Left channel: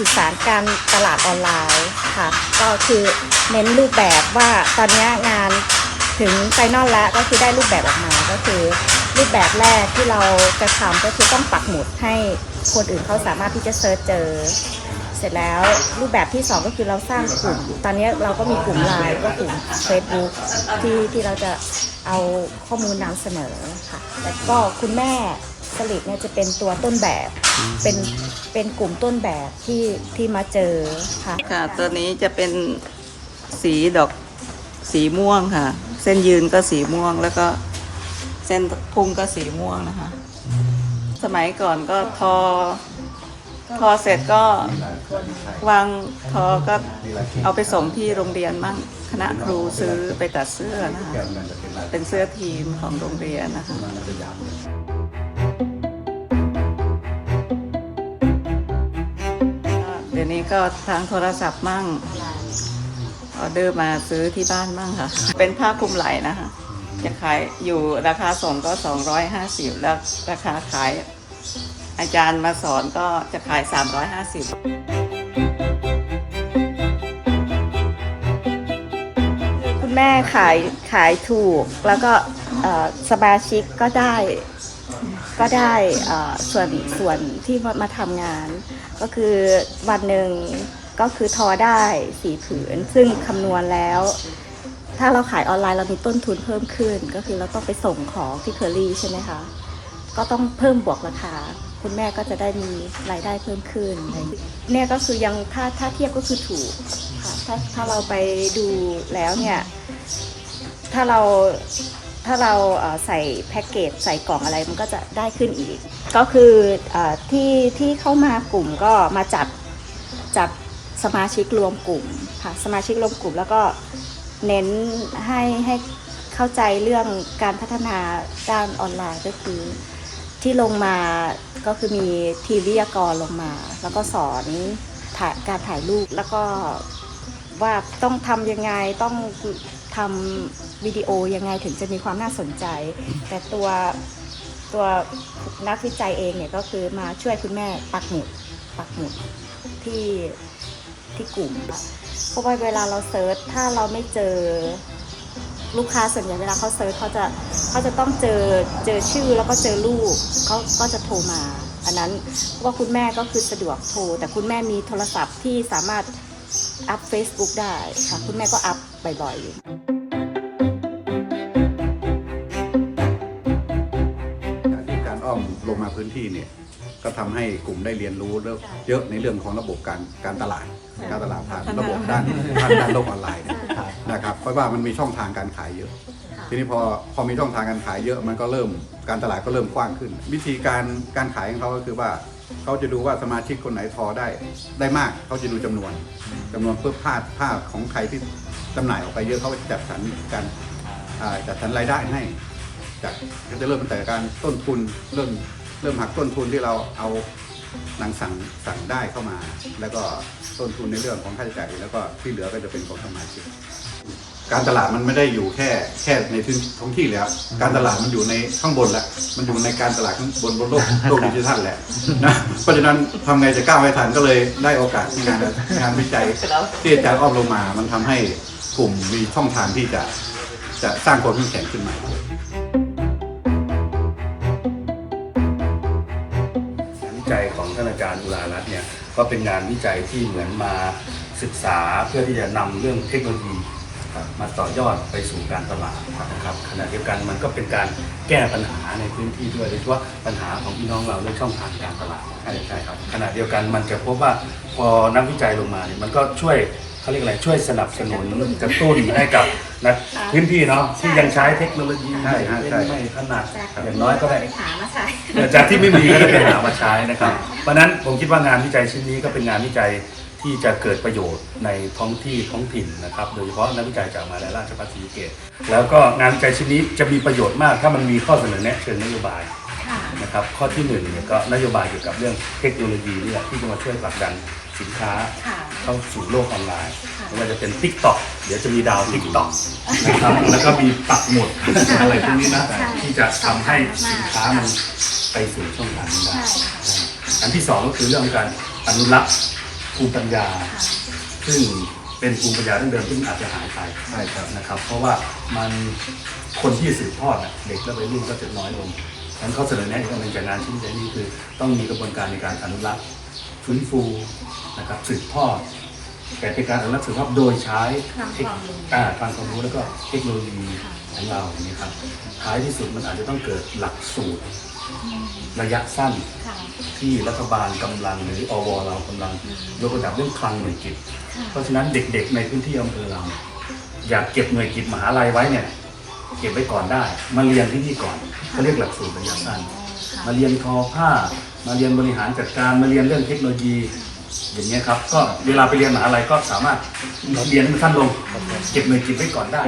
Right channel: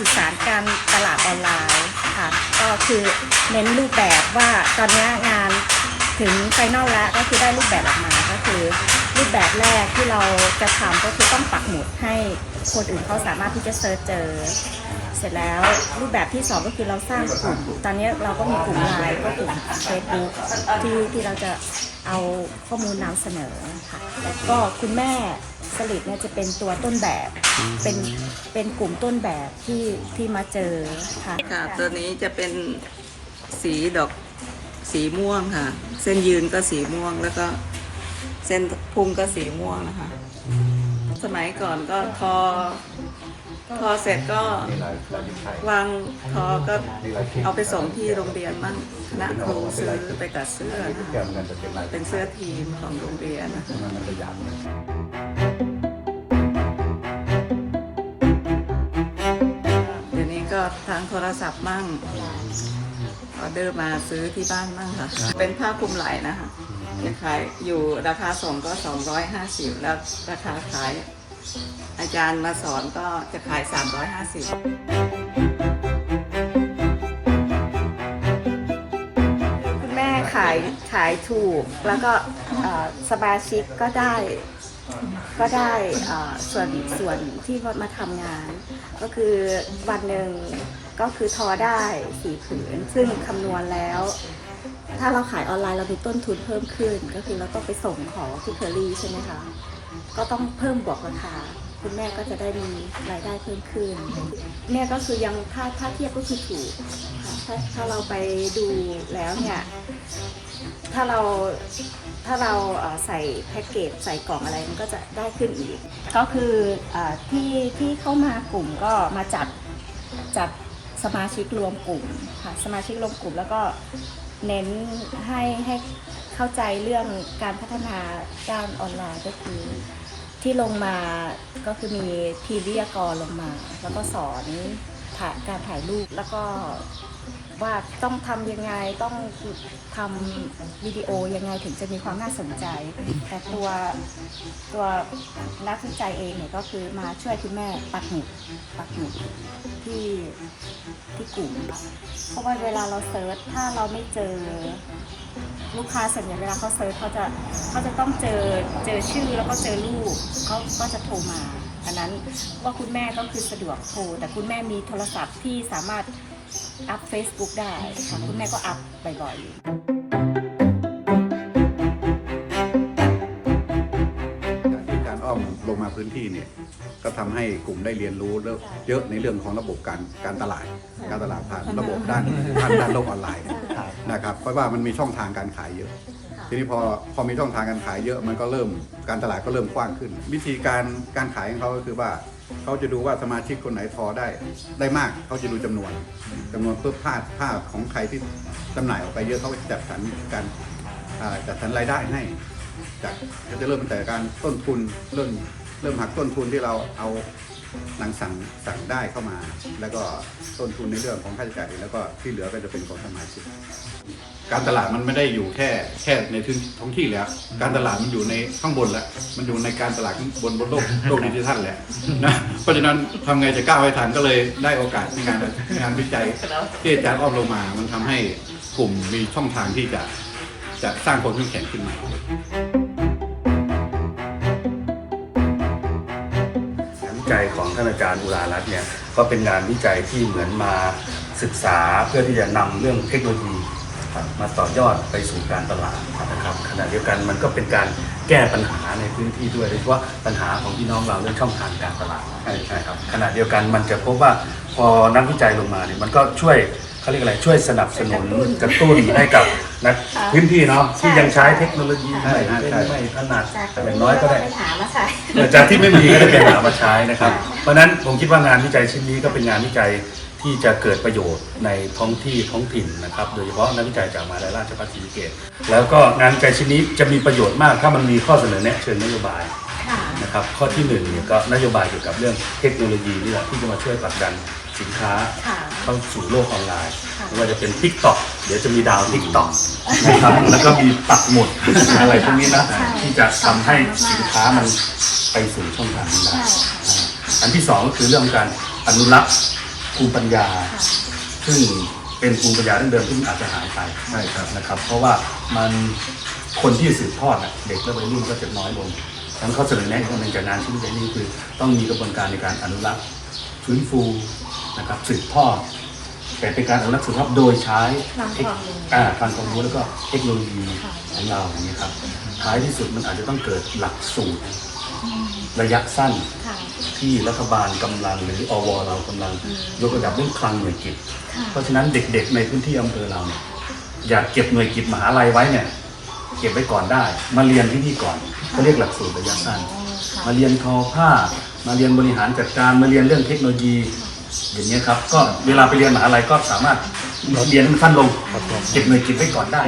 สื่อสารการตลาดออนไลน์ค่ะก็คือเน้นรูปแบบว่าตอนนี้งานถึงไฟนอลแล้วก็คือได้รูปแบบออกมาก็คือ รูปแบบแรกที่เราจะทำก็คือต้องปักหมุดให้คนอื่นเขาสามารถที่จะเซิร์ชเจอ เสร็จแล้วรูปแบบที่สองก็คือเราสร้างกลุ่ม ตอนนี้เราก็มีกลุ่มไลน์ก็กลุ่ม Facebook ที่ที่เราจะเอาข้อมูลนำเสนอค่ะแล้วก็คุณแม่สลิดเนี่ยจะเป็นตัวต้นแบบเป็นเป็นกลุ่มต้นแบบที่ที่มาเจอค่ะค่ะตัวนี้จะเป็นสีดอกสีม่วงค่ะ เส้นยืนก็สีม่วงแล้วก็ ส้นพุงก็สีม่วงนะคะ สมัยก่อนก็ทอ ทอเสร็จก็วางทอก็เอาไปส่งที่โรงเรียนมั่งคณะครูซื้อไปตัดเสื้อนะคะเป็นเสื้อทีมของโรงเรียนนะคะเดี๋ยวนี้ก็ทางโทรศัพท์มั่งออเดอร์มาซื้อที่บ้านมั่งค่ะ เป็นผ้าคลุมไหล่นะคะ จะขายอยู่ราคาส่งก็ 250 แล้วราคาขาย อาจารย์มาสอนก็จะขาย 350 คุณแม่ขายขายถูกแล้วก็สมาชิกก็ได้ก็ได้ส่วนส่วนที่มามาทำงาน ก็คือวันหนึ่งก็คือทอได้สี่ผืน ซึ่งคำนวณแล้ว ถ้าเราขายออนไลน์เรามีต้นทุนเพิ่มขึ้น ก็คือเราต้องไปส่งของที่เคอรี่ใช่ไหมคะ ก็ต้องเพิ่มบวกราคา คุณแม่ก็จะได้มีรายได้เพิ่มขึ้นเนี่ยก็คือยังถ้าถ้าเทียบก็คือถูกค่ะถ้าถ้าเราไปดูแล้วเนี่ยถ้าเราถ้าเราใส่แพ็กเกจใส่กล่องอะไรมันก็จะได้ขึ้นอีก ก็คือเออที่ที่เข้ามากลุ่มก็มาจัดจัดสมาชิกรวมกลุ่มค่ะสมาชิกรวมกลุ่มแล้วก็ เน้นให้ให้เข้าใจเรื่องการพัฒนาด้านออนไลน์ก็คือที่ลงมาก็คือมีทีวิทยากรลงมา แล้วก็สอนถ่ายการถ่ายรูปแล้วก็ว่าต้องทำยังไงต้องทำวิดีโอยังไงถึงจะมีความน่าสนใจ แต่ตัวตัวนักวิจัยเองเนี่ยก็คือมาช่วยคุณแม่ปักหมุดปักหมุดที่ ที่กลุ่ม เพราะว่าเวลาเราเซิร์ชถ้าเราไม่เจอลูกค้าส่วนใหญ่เวลาเขาเซิร์ชเขาจะเขาจะต้องเจอเจอชื่อแล้วก็เจอรูปเขาก็จะโทรมา อันนั้นว่าคุณแม่ก็คือสะดวกโทร แต่คุณแม่มีโทรศัพท์ที่สามารถอัพ Facebook ได้ค่ะ คุณแม่ก็อัพบ่อยๆการที่การอ้อมลงมาพื้นที่เนี่ย ก็ทำให้กลุ่มได้เรียนรู้เยอะในเรื่องของระบบการการตลาด การตลาดผ่านระบบด้านด้านด้านโลกออนไลน์นะครับเพราะว่ามันมีช่องทางการขายเยอะ ทีนี้พอพอมีช่องทางการขายเยอะมันก็เริ่มการตลาดก็เริ่มกว้างขึ้น วิธีการการขายของเขาก็คือว่าเขาจะดูว่าสมาชิกคนไหนทอได้ได้มากเขาจะดูจำนวนจำนวนเพื่อผ้าผ้าของใครที่จำหน่ายออกไปเยอะเขาจะจัดสรรการจัดสรรรายได้ให้จากก็จะเริ่มตั้งแต่การต้นทุนเริ่มเริ่มหักต้นทุนที่เราเอา นังสั่งสั่งได้เข้ามา แล้วก็ต้นทุนในเรื่องของค่าใช้จ่ายแล้วก็ที่เหลือก็จะเป็นของสมาชิกการตลาดมันไม่ได้อยู่แค่แค่ในพื้นท้องที่แล้ว การตลาดมันอยู่ในข้างบนแล้ว มันอยู่ในการตลาดข้างบนบนโลกโลกดิจิทัลแหละนะเพราะฉะนั้นทำไงจะก้าวให้ทันก็เลยได้โอกาสในงานงานวิจัยที่อาจารย์อ้อมลงมา มันทำให้กลุ่มมีช่องทางที่จะจะสร้างความเข้มแข็งขึ้นใหม่ จัยของท่านอาจารย์อุรารัตน์เนี่ยก็เป็นงานวิจัยที่เหมือนมาศึกษาเพื่อที่จะนำเรื่องเทคโนโลยีมาต่อยอดไปสู่การตลาดนะครับขณะเดียวกันมันก็เป็นการแก้ปัญหาในพื้นที่ด้วยโดยเฉพาะปัญหาของพี่น้องเราเรื่องช่องทางการตลาดใช่ใช่ครับขณะเดียวกันมันจะพบว่าพอนักวิจัยลงมาเนี่ยมันก็ช่วย เขาเรียกอะไรช่วยสนับสนุนกระตุ้นให้กับนักพื้นที่เนาะที่ยังใช้เทคโนโลยีใช่ไม่ใช่ ไม่ไม่ถนัดจากอย่างน้อยก็ได้ไปหามาใช้เอ่อจากที่ไม่มีก็ได้ไปหามาใช้นะครับ เพราะฉะนั้นผมคิดว่างานวิจัยชิ้นนี้ก็เป็นงานวิจัยที่จะเกิดประโยชน์ในท้องที่ท้องถิ่นนะครับ โดยเฉพาะนักวิจัยจากมหาวิทยาลัยราชภัฏศรีสะเกษแล้วก็งานวิจัยชิ้นนี้จะมีประโยชน์มาก ถ้ามันมีข้อเสนอแนะเชิงนโยบายค่ะ นะครับ ข้อที่หนึ่งเนี่ยก็นโยบายเกี่ยวกับเรื่องเทคโนโลยีนี่แหละที่จะมาช่วยผลักดัน สินค้าค่ะเข้าสู่โลกออนไลน์ค่ะไม่ว่าจะเป็น t ิ k t o k เดี๋ยวจะมีดาว t ิ k t o k นะครับแล้วก็มีปักหมุดอะไรพวกนี้นะใช่ที่จะทำให้สินค้ามันไปสู่ช่องทางนั้นได้ใช่ค่ะอันที่สองก็คือเรื่องของการอนุรักษ์ภูมิปัญญา ซึ่งเป็นภูมิปัญญาดั้งเดิมที่มันอาจจะหายไปใช่ครับนะครับ เพราะว่ามันคนที่สืบทอดน่ะเด็กและวัยรุ่นก็จะน้อยลงฉะนั้นเขาเสนอแนะอีกอันหนึ่งจากงานชิ้นใหญ่นี้คือ ต้องมีกระบวนการในการอนุรักษ์ฟื้นฟู นะครับสืบทอดแต่เป็นการอนุรักษ์สืบทอดโดยใช้เทคอ่าทางความรู้แล้วก็เทคโนโลยีของเราอย่างนี้ครับท้ายที่สุดมันอาจจะต้องเกิดหลักสูตร ระยะสั้นค่ะที่รัฐบาลกำลังหรืออวเรากำลังยกระดับเรื่องคลังหน่วยกิจค่ะเพราะฉะนั้นเด็กๆในพื้นที่อำเภอเราเนี่ยอยากเก็บหน่วยกิจมหาลัยไว้เนี่ยเก็บไว้ก่อนได้ มาเรียนที่นี่ก่อนเขาเรียกหลักสูตรระยะสั้นมาเรียนทอผ้า มาเรียนบริหารจัดการมาเรียนเรื่องเทคโนโลยี อย่างเงี้ยครับ ก็เวลาไปเรียนมหาลัยก็สามารถเรียนให้มันสั้นลงเก็บเงินเก็บไว้ก่อนได้